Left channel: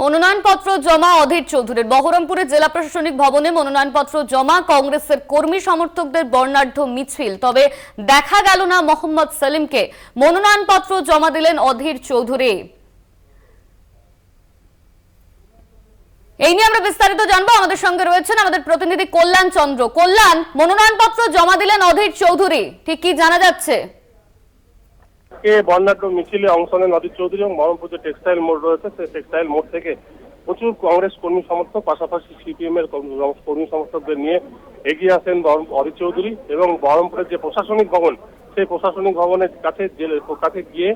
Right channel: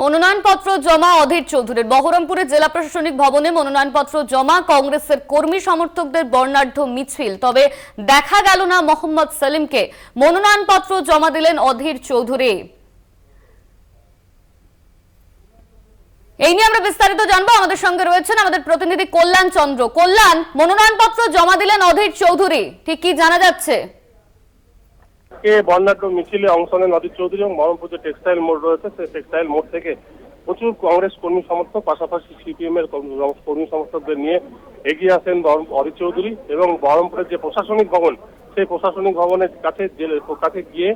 মনোনয়নপত্র জমা অধীর চৌধুরীর। বহরমপুরে জেলা প্রশাসনিক ভবনে মনোনয়নপত্র জমা, কংগ্রেসের কর্মী সমর্থকদের বর্ণাঢ্য মিছিল। তবে দেখা গেল না মোহাম্মদ সেলিমকে। মনোনয়নপত্র জমা দিলেন অধীর চৌধুরী। এই নিয়ে আমরা বিস্তারিত জানবো। আমাদের সঙ্গে রয়েছেন আমাদের প্রতিনিধি কল্যাণ চন্দ্র। কল্যাণ, মনোনয়নপত্র জমা দিলেন অধীর চৌধুরী, ঠিক কি জানা যাচ্ছে? বর্ণাঢ্য মিছিলে অংশ নেন অধীর চৌধুরী এবং বহরমপুর যে টেক্সটাইল মোড় রয়েছে সেই টেক্সটাইল মোড় থেকে প্রচুর কংগ্রেস কর্মী সমর্থক, পাশাপাশি সিপিএম এর কর্মী সমর্থকদের নিয়ে এগিয়ে আসেন অধীর চৌধুরী এবং বহরমপুরের যে প্রশাসনিক ভবন সেই প্রশাসনিক ভবনের কাছে গিয়ে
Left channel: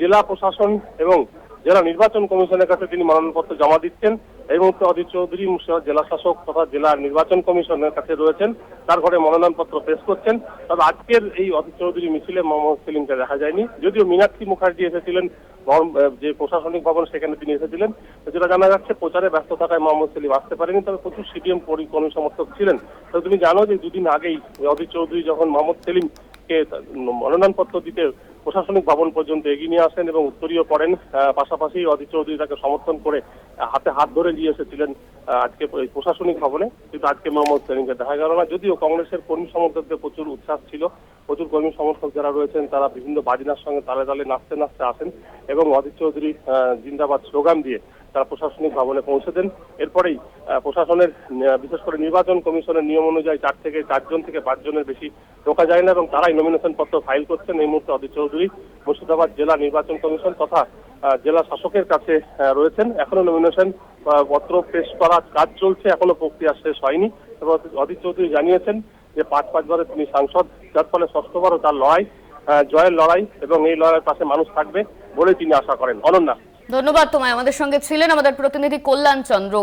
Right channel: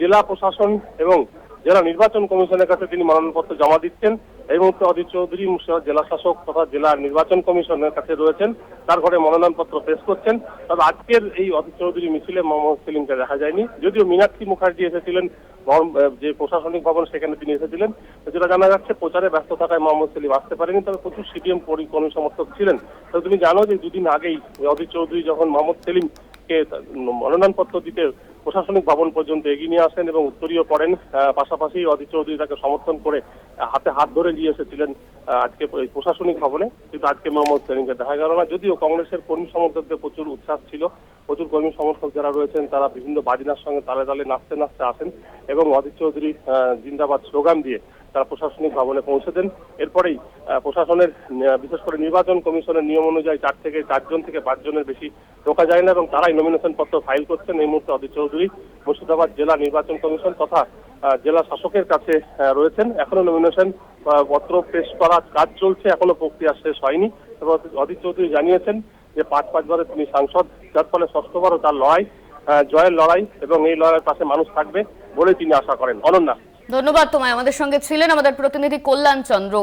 জেলা প্রশাসন এবং জেলা নির্বাচন কমিশনের কাছে তিনি মনোনয়নপত্র জমা দিচ্ছেন। এই মুহূর্তে অধীর চৌধুরী মুর্শিদাবাদ জেলা শাসক তথা জেলা নির্বাচন কমিশনের কাছে রয়েছেন, তার ঘরে মনোনয়নপত্র পেশ করছেন। তবে আজকের এই অধীর চৌধুরী মিছিলে মোহাম্মদ সেলিমকে দেখা যায়নি, যদিও মীনাক্ষী মুখার্জি এসেছিলেন যে প্রশাসনিক ভবন, সেখানে তিনি এসেছিলেন। যেটা জানা যাচ্ছে প্রচারে ব্যস্ত থাকায় মোহাম্মদ সেলিম আসতে পারেনি, তবে প্রচুর সিপিএম কর্মী সমর্থক ছিলেন। তবে তুমি জানো যে দুদিন আগেই অধীর চৌধুরী যখন মোহাম্মদ সেলিমকে মনোনয়নপত্র দিতে প্রশাসনিক ভবন পর্যন্ত এগিয়ে নিয়ে আসেন এবং উত্তরীয় করেন, পাশাপাশি অধীর চৌধুরী তাকে সমর্থন করে হাতে হাত ধরে নিয়ে এসেছিলেন আজকে প্রশাসনিক ভবনে। কিন্তু আজকে মোহাম্মদ সেলিমকে দেখা গেল না, যদিও কংগ্রেসের কর্মী সমর্থকদের প্রচুর উচ্ছ্বাস ছিল। প্রচুর কর্মী সমর্থক যারা রয়েছেন তারা বিভিন্ন বাজনার সঙ্গে তালে তালে নাচতে নাচতে আসেন এবং অধীর চৌধুরী জিন্দাবাদ স্লোগান দিয়ে তারা প্রশাসনিক ভবনে পৌঁছে দেন। এরপরেই প্রশাসনের বিশেষ করে নির্বাচন কমিশনের নিয়ম অনুযায়ী 4 থেকে 5 জনের বেশি ঢোকা যায় না এবং তারাই নমিনেশন পত্র ফাইল করছেন। এই মুহূর্তে অধীর চৌধুরী মুর্শিদাবাদ জেলা নির্বাচন কমিশন তথা জেলা শাসকের কাছে রয়েছেন। এখনো নমিনেশন পত্র পেশ করার কাজ চলছে, এখনো প্রক্রিয়া শেষ হয়নি। এবং অধীর চৌধুরী জানিয়েছেন যে 5 বারে তিনি সাংসদ, যার ফলে 6ঠবারও তার লড়াই, জয়ের লড়াই এবং এই লড়াইয়ের পাশে মানুষ থাকবে বলে তিনি আশা করেন। অনন্যা, ধন্যবাদ তোমায়। আমাদের সঙ্গে ছিলেন আমাদের প্রতিনিধি কল্যাণ চন্দ্র।